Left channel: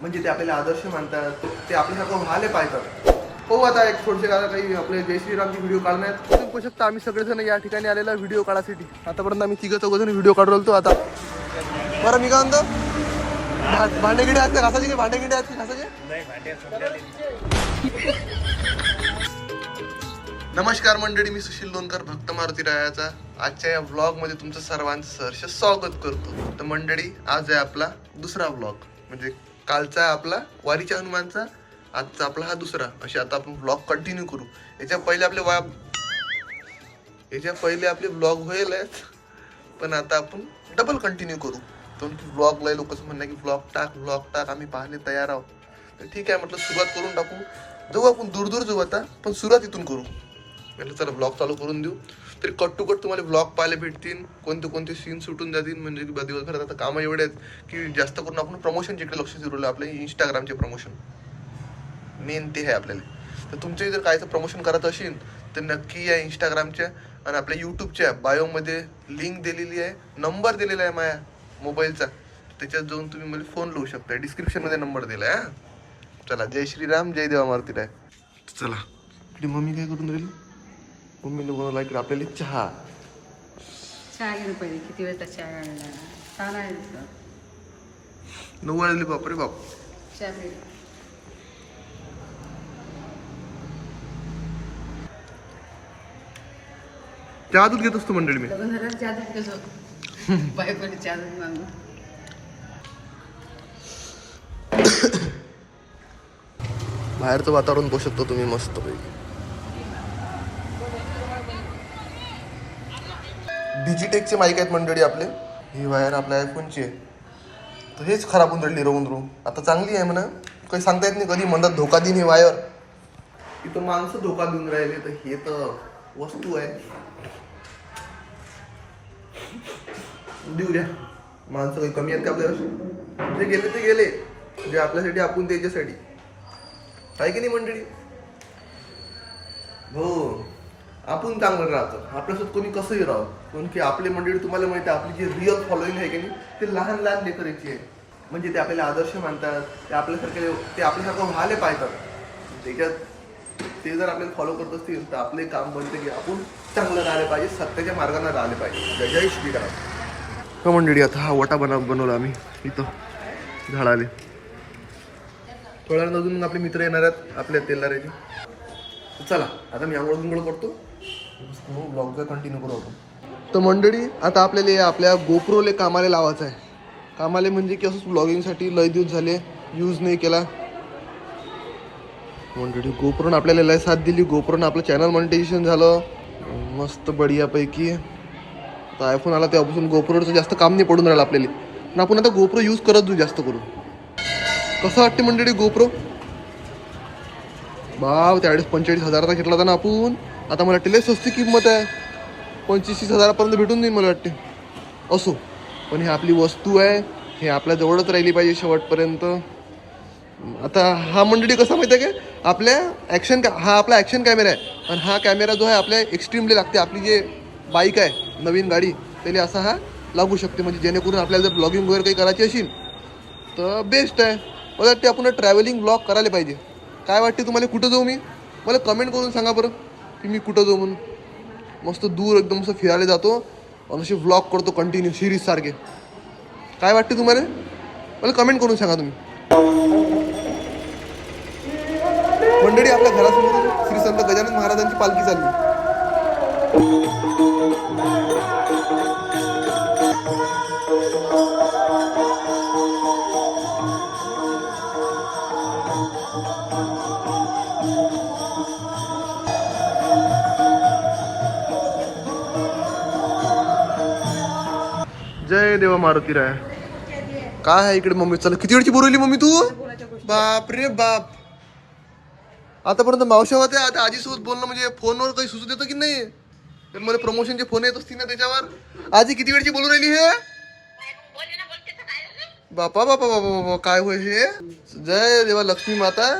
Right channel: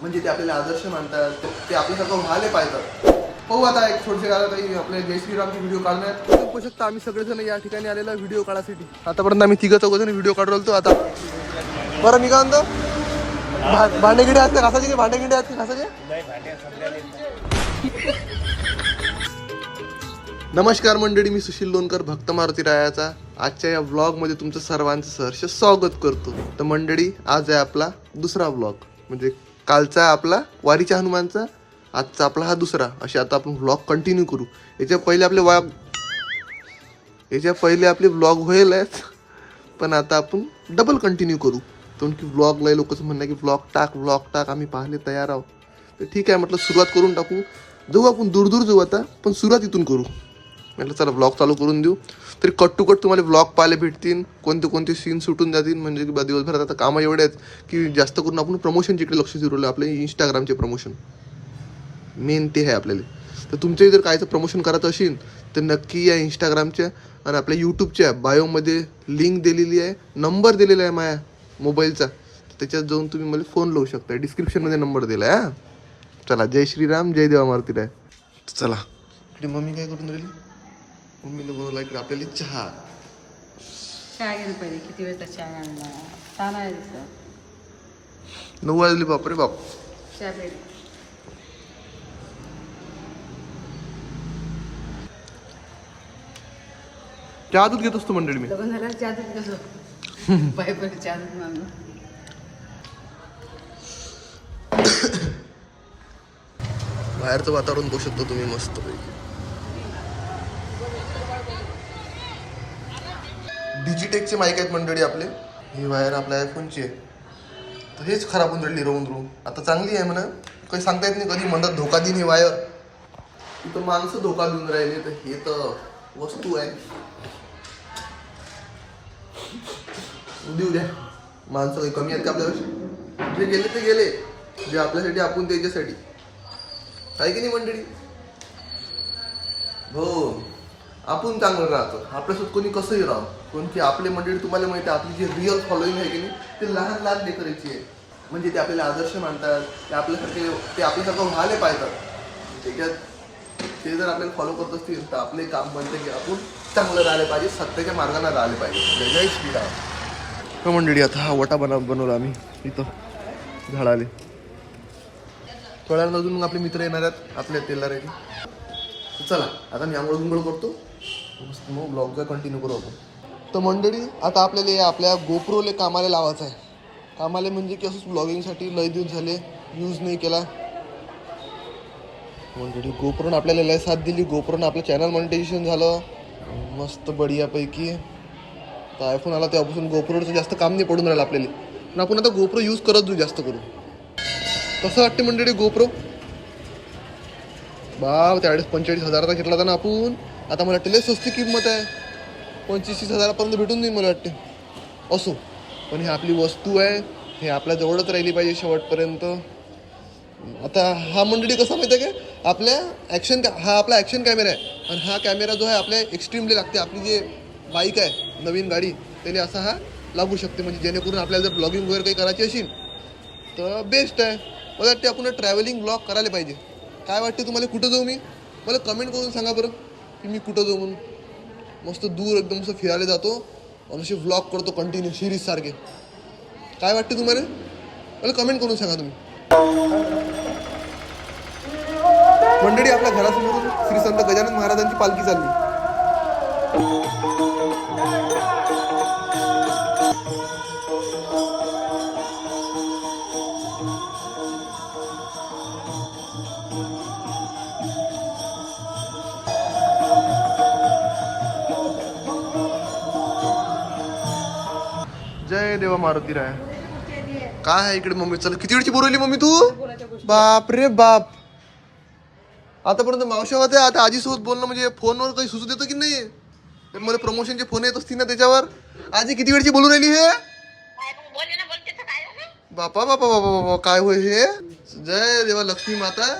म्हणजे ते आपल्याला आदर्श मानतात ते आपल्यासारखं व्हायला पाहतात हो आता एक थोडेसे काळ काही आपले जय श्रीरामचे व्हिडिओ काढण्यात तुम्ही बघू शकता आम्ही सगळेजण या ठिकाणी आलेला व्हिडिओ काढासाठी. आतापर्यंत आम्ही तिघं चौघजण व्हिडिओ काढू होतो आता. बरं मी काय म्हणतो भा- भांडेगिडे आहेत घासाचे भांडेगिडे आहेत घासाचे नमस्कार मंडळी मी सुशील लोणकर भक्त मारुती रायाचा. आजच्या या ब्लॉगमध्ये तुमचं सर्वांचं सहर्ष स्वागत करतो. तर मंडळी आज आहे आपला दुसरा ब्लॉग म्हणजे कालचा आपला वारीच्या हनुमानचा आजचा आपला हा दुसरा. असे आता आपण ब्लॉग कंटिन्यू करू. याच्या पहिले आपले वा याच्या पहिले आपले ब्लॉग होईल आहेत पण आता आपण डबल कंटिन्यू करू. कारण की ब्लॉगला लोकच म्हणणं की ब्लॉग टाक ब्लॉग टाक आम्ही पाहणे तयार आहोत. तर ठीक आहे म्हटलं सुरुवात करून टाकू. जाऊ आपण दूर दूर जाऊ आता पण सुरुवात इथून करू. म्हटलं चला ब्लॉग चालू करून देऊ. तरी कट टू कट तुम्हाला ब्लॉग पाहायला भेटतील कोणते कोणते सीन सुटून जातील. म्हणजे की बा दिवसभरात आता कामं एवढे आहेत की जास्त करून आपण प्रमोशनच्या लक्ष फिरवलं आपले इंस्टाग्रामचे प्रमोशन मेन ते आहे आपल्याला. तर तुमच्या जर कायचं प्रमोशन करायचं असेल तर नक्की या इंस्टाग्रामच्या आणि आपल्या यूट्यूबच्या बायोमध्ये लिंक दिलेली आहे नंबर दिलेला आहे माझ्या मोबाईलचा त्याच्यात जाऊन तुम्ही मला फोन लावू शकता. डिस्क्रिप्शनमध्ये नंबर दिला आहे चला जय श्रीराम जय देवा मारुती राय चला. इकडे मम्मी काय करून राहिली? मम्मीने बनवला इकडे आपल्याला चहा. चहा घेणं पहिले किती वेळचा चहा आणला चालायचं नऊ वाजली बापरे बाप. चहा पहिले चहा दूध घेत असतो मंडळी मी. लग्न झालं चहा दूध कसं बाय पहिले चहा दूध मागू बाहेरचं वातावरण पाहू शकतो तुम्ही मस्त पैकी डिजिटेकचे माईक आहेत मंडळी आपले. ही वायर आपल्या आयफोनची आहे. तर हेच खराब होऊन राहिली रोवून रोवून. आता चांगली आहे म्हणा. काही सांगता येत नाही कधी. म्हणतात धोका देईन ही वायर. इथं माणसं धोका देऊन राहिले. तर हे तर वस्तू आहे. देऊ द्या. माणसं काही कमी आहेत का आपल्यावर जे गेले ते गेले. जे आपल्यासाठी आपण त्याच्यासाठी. आहे की नाही मंडळी? हो. आपण चांगलं राहतो. आपल्यासोबत कोणी कसंही राहो. कारण की आपले मंडळी तुम्हाला माहिती आहे आपली जी रिअल फॉलोईंग आहे की नाही ते लहान लहान लेकराची आहे. म्हणजे ते आपल्याला आदर्श मानतात ते आपल्यासारखे ते आपल्यासारखं व्हायला पाहतात. त्याच्यात ते जर आपल्याला फॉलो करत असतील तर आपले काम बनते की आपण चांगलं राहिले पाहिजे सत्याच्या मार्गाने राहिले पाहिजे. जय जय श्रीराम. हो मंडळी आता हा वटा बनव बनवला आम्ही इथं झाडाले. थोड्या अजून मग आपले मित्र येणार आहेत आपल्या तेलाऱ्याचे. चला आता मी आंघोळ बिंघोळ करतो. मग ब्लॉगचा कंटिन्यू करू आपण. तर मंडळी आता आपल्याला आपल्या गोप्रोले कामाला लावायचं आहे. कामाले म्हणजे की असंच ब्लॉगिंगसाठी लय दिवस झाले यूज नाही केला. मंडळी गोप्रोनं आपल्याला लय साथ दिली. गोप्रोनं आपलं चॅनल मॉनिटायझेशन झालं. मस्त बढियापैकी. तर आयफोन आला तेव्हापासून गोप्रोचं जास्त काम नाही पडून राहिलं आपल्याला. पण आपण आता गोप्रो यूज करत जाऊ जास्त करून. कसं वाटते मंडळी गोप्रो? बाप त्यावेळेस पंचेचाळीस हजाराचा घेतला होता ना आपण. आता मला वाटते लय किंमत आहे. पंचवीस तीस हजारापर्यंत भेटून जाईल मला वाटते. असो. पण ही आपली वस्तू आहे. हे आपल्या जवळच राहिली पाहिजे शेवटपर्यंत. आता हा मंडळी कसा माहिती आहे का? आपल्या ॲक्शन का हा आपला ॲक्शन कॅमेरा आहे. आणि हा कॅमेरा जो आहे आपल्या एक्स्ट्रीमली लागते. आपली जे बाईक आहे नवीन गाडी त्याला असा हा लागू शकते. म्हणजे जेणेकरून आपल्याला जर ब्लॉगिंग वगैरे काही करायची असेल तर बेस्ट आहे. मला वाटते आपण ट्रॅव्हलिंग ब्लॉग करायला पाहिजे. काय वाटते तुम्हाला? कुठं जाऊ मी? मला कमेंट करून सांगा बरं. की मी कुठं जाऊ म्हणून? मस्त दूर एकदम असं फिरायला जातो आणि असे व्लॉग करतो कंटिन्यू सिरीज सारखे. काय वाटते तुम्हाला? मला कमेंट करून सांगा तुम्ही. मंडळी आपल्या घरासमोरून श्री संत गजानन महाराजांची पालखी चालली. जय देवा मारुती राय. काय आहे इकडे मम्मी? चल किती वेळची बोलवली मम्मी तू? बाप रे बाप. आतापर्यंत मावशा होत्या आता आजीसोबत बोलणं म्हणजे फोनवर काही सुचू देतो की नाही तर मला प्रमोशनचे फोन येत असतील ना त्याच्यावर? आजी किती वेळची बोलून राहिली हे? बापा बापा बापा बापा काय होय हे? जय देवा लक्ष्मी माता.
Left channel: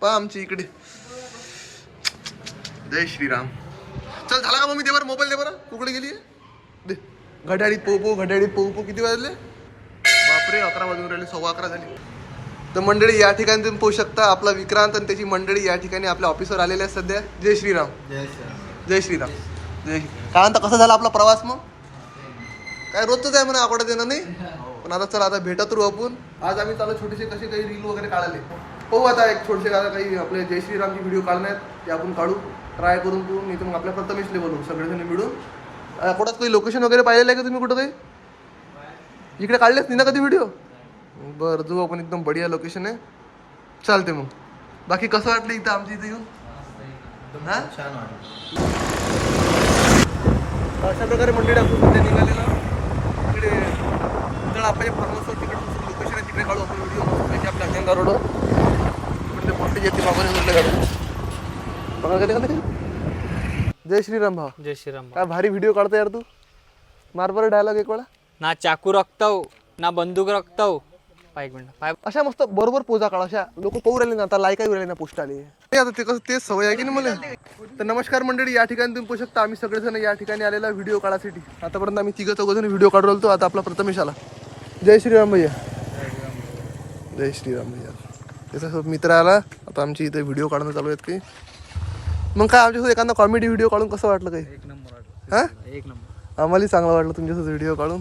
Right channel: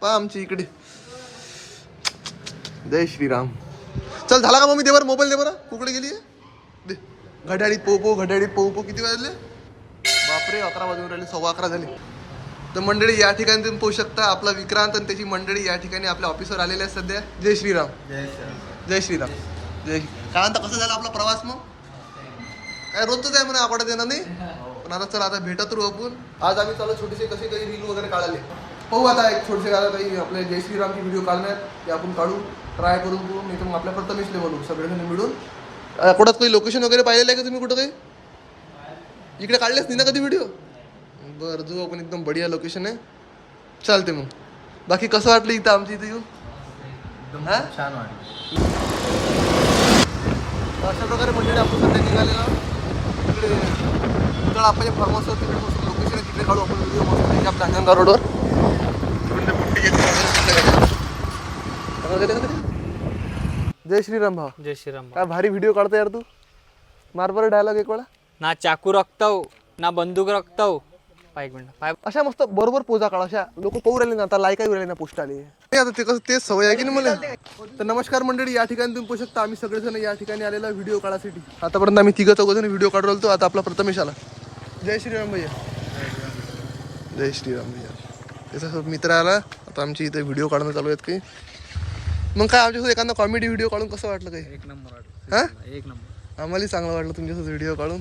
पा आमची इकडे. जय श्रीराम. चल झाला का मम्मी देवर? मोबाईल दे बरं. कुकडे गेली दे. घड्याळीत पोहू पोहू घड्याळीत पोहू पोहू किती वाजले? बापरे अकरा वाजून राहिले सव्वा अकरा झाली. तर मंडळी या ठिकाणी तुम्ही पाहू शकता आपला विक्रांत आणि त्याची मंडळी या ठिकाणी आपल्या ऑफिसवर आलेले आहेत सध्या. जय श्रीराम. जय श्रीराम. जय काय म्हणता कसं झाला आपला प्रवास मग? काय रोजच आहे म्हणा आठवड्यात येणार नाही? पण आता चला आता भेटत राहू आपण. आज आम्ही चालू छोटेसे कसे काही रील वगैरे काढले पाहू आता एक छोटेसे आता काही आपले जय श्रीरामचे व्हिडिओ काढण्यात ते आपण काढू ट्राय करून नाही तर मग आपल्या प्रथमेशले बनवू सगळेजण मिळून. कुठं काही लोकेशन वगैरे पाहिलेलं आहे का तुम्ही कुठं काही? इकडे काढलेच नाही ना कधी व्हिडिओ बरं जाऊ आपण एकदम बढिया लोकेशन आहे. चालते मग. बाकी कसं वाटलं इथं आमच्या इथं येऊन? हा? छान वाटलं. अशा प्रकारे मंडळी आपण सध्या निघालेला तिकडे तिकडे आपण फार्म हाऊसवर तिकडे लोकेशन आहे तिकडे काढू आपण व्हिडिओ त्याची आपल्या अंगणगाव रोडवर तिकडून ते पोट्टे जय श्रीराम भाऊ. जय श्रीराम काय भारी व्हिडिओ काढतो यार तू. मार बरं डायलॉग एक वेळा. ना चाकू रक्तव ना बंदूक रक्तव पाय एक मिनिट पाय अशा मस्त बरोबर पोजा काढ अशा लोक पाहू राहिले ना आता लाईक राहिले ना पोस्ट आले. नाही आता ते कसं तेच सवय आहे की नाही मला? तर नमस्कार मंडळी या ठिकाणी तुम्ही पाहू शकता आम्ही सगळेजण या ठिकाणी आलेला व्हिडिओ काढासाठी. आतापर्यंत आम्ही तिघं चौघ जण व्हिडिओ काढू राहिलो आता आपला प्रथमेश आला जय श्रीराम भैया. जय श्रीराम भैया. त्याचा मित्र आला आता आमची इथे व्हिडिओ काढणं चालू आहेत काही मग काय आमच्यासोबत एखादा कॉमेडी व्हिडिओ काढून कसं वाटलं काही? एक नंबर हा? एक नंबर. आम्हाला चांगलं वाटलं तुमच्यासोबत व्हिडिओ काढून.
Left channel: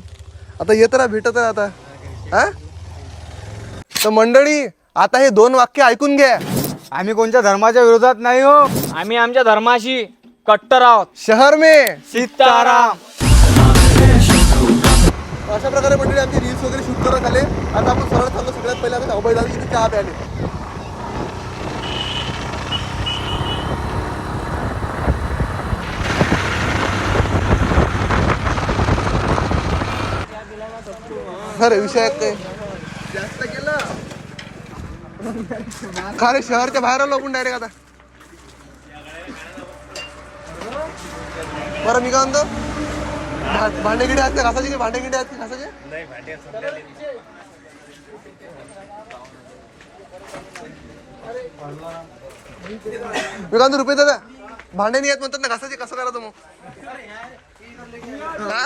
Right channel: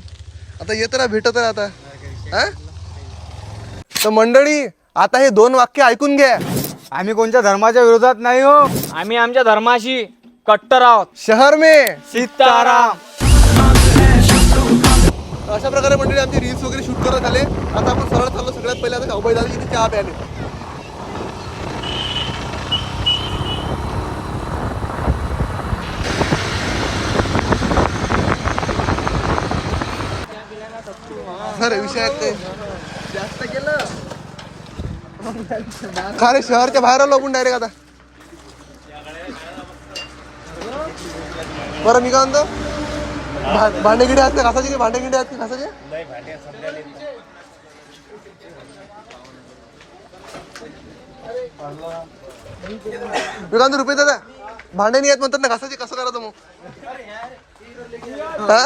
आता येत राहा भेटत राहा आता. हा तर मंडळी आता हे दोन वाक्य ऐकून घ्या. आम्ही कोणत्या धर्माच्या विरोधात नाही हो. आम्ही आमच्या धर्माशी कट्टर आहोत. शहर में. सीताराम. अशा प्रकारे मंडळी आमची रील्स वगैरे शूट करत आले. आता आपण सरळ चाललो सगळ्यात पहिले आता अभय दादा इथे चहा प्याले अरे विषय आहे काय जास्त केलं का रे शहरच्या बाहेर आलो आपण डायरेक्ट आता. बरं मी काय म्हणतो भांडेगिडे आहेत ना घासाचे भांडेगिडे आहेत घासाचे विकांत रुपये दादा भांडे नाही आहेत म्हणतात ना घासाचे कसं करायचं मग? हा?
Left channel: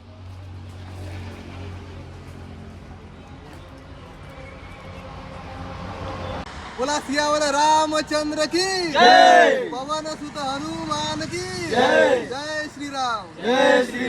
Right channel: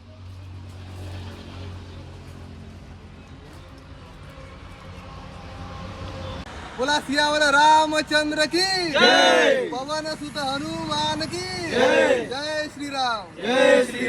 बोला सियावर रामचंद्र की पवन सुत हनुमान की जय! श्रीराम! जय श्री